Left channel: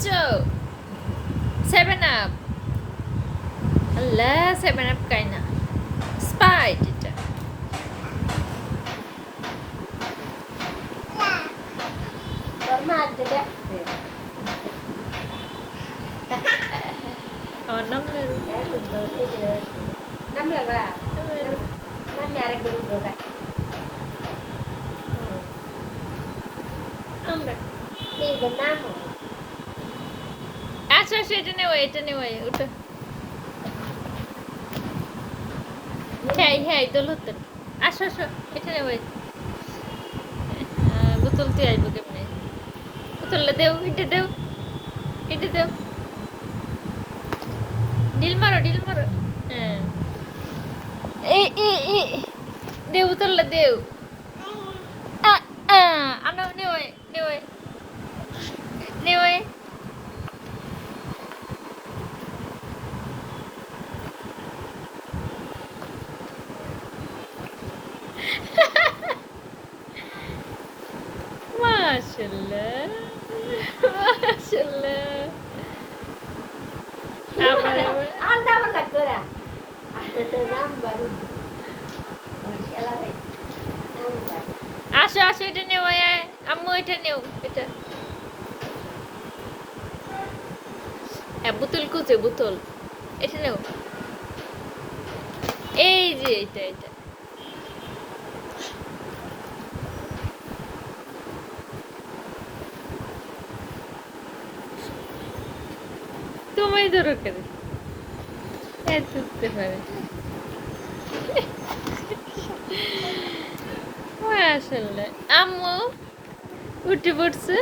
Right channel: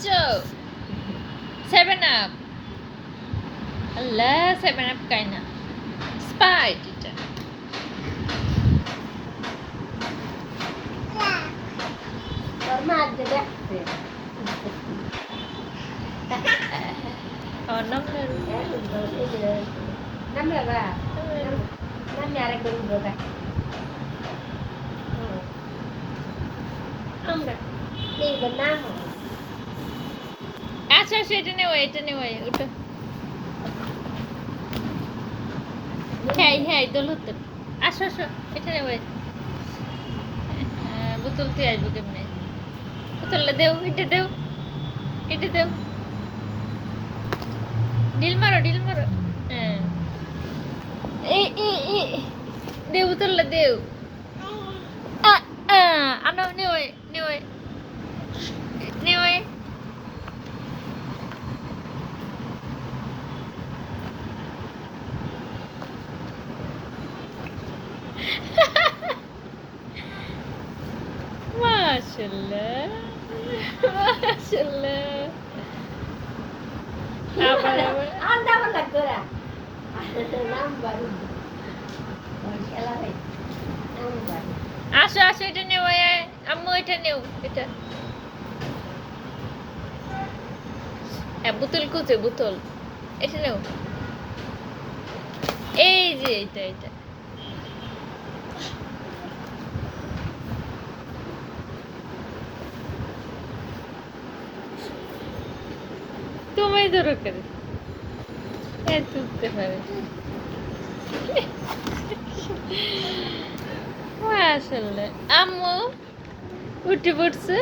খাচ্ছো 7 আপ আল্লাহ 7 আপ খাই না স্পাইট এটা তোর মা আজ দেখছে আমার নাম নেই নামে বা নামে আরেকবার উঠবো আমরা এই নাম আচ্ছা আচ্ছা এটা নেও ওটা হ্যাঁ দোলুত আসো এটা নেও বোতল দিয়ে আসবো কেমনি বোতলটা দেও এটা দেও ডিল মারো হ্যাঁ দেও বোতলটা দেও আনো নেও মাশাআল্লাহ anda wala dura নাম বাড়ি খেলা হয় আসো এটা নেও আম্মু এটা নেও এটা হ্যাঁ বোতল কোথায় বোতল এটা নেও এই যে এটা তুমি ধরো কেন তুলতে পারে মাশাআল্লাহ আম্মু উঠে পড়ছে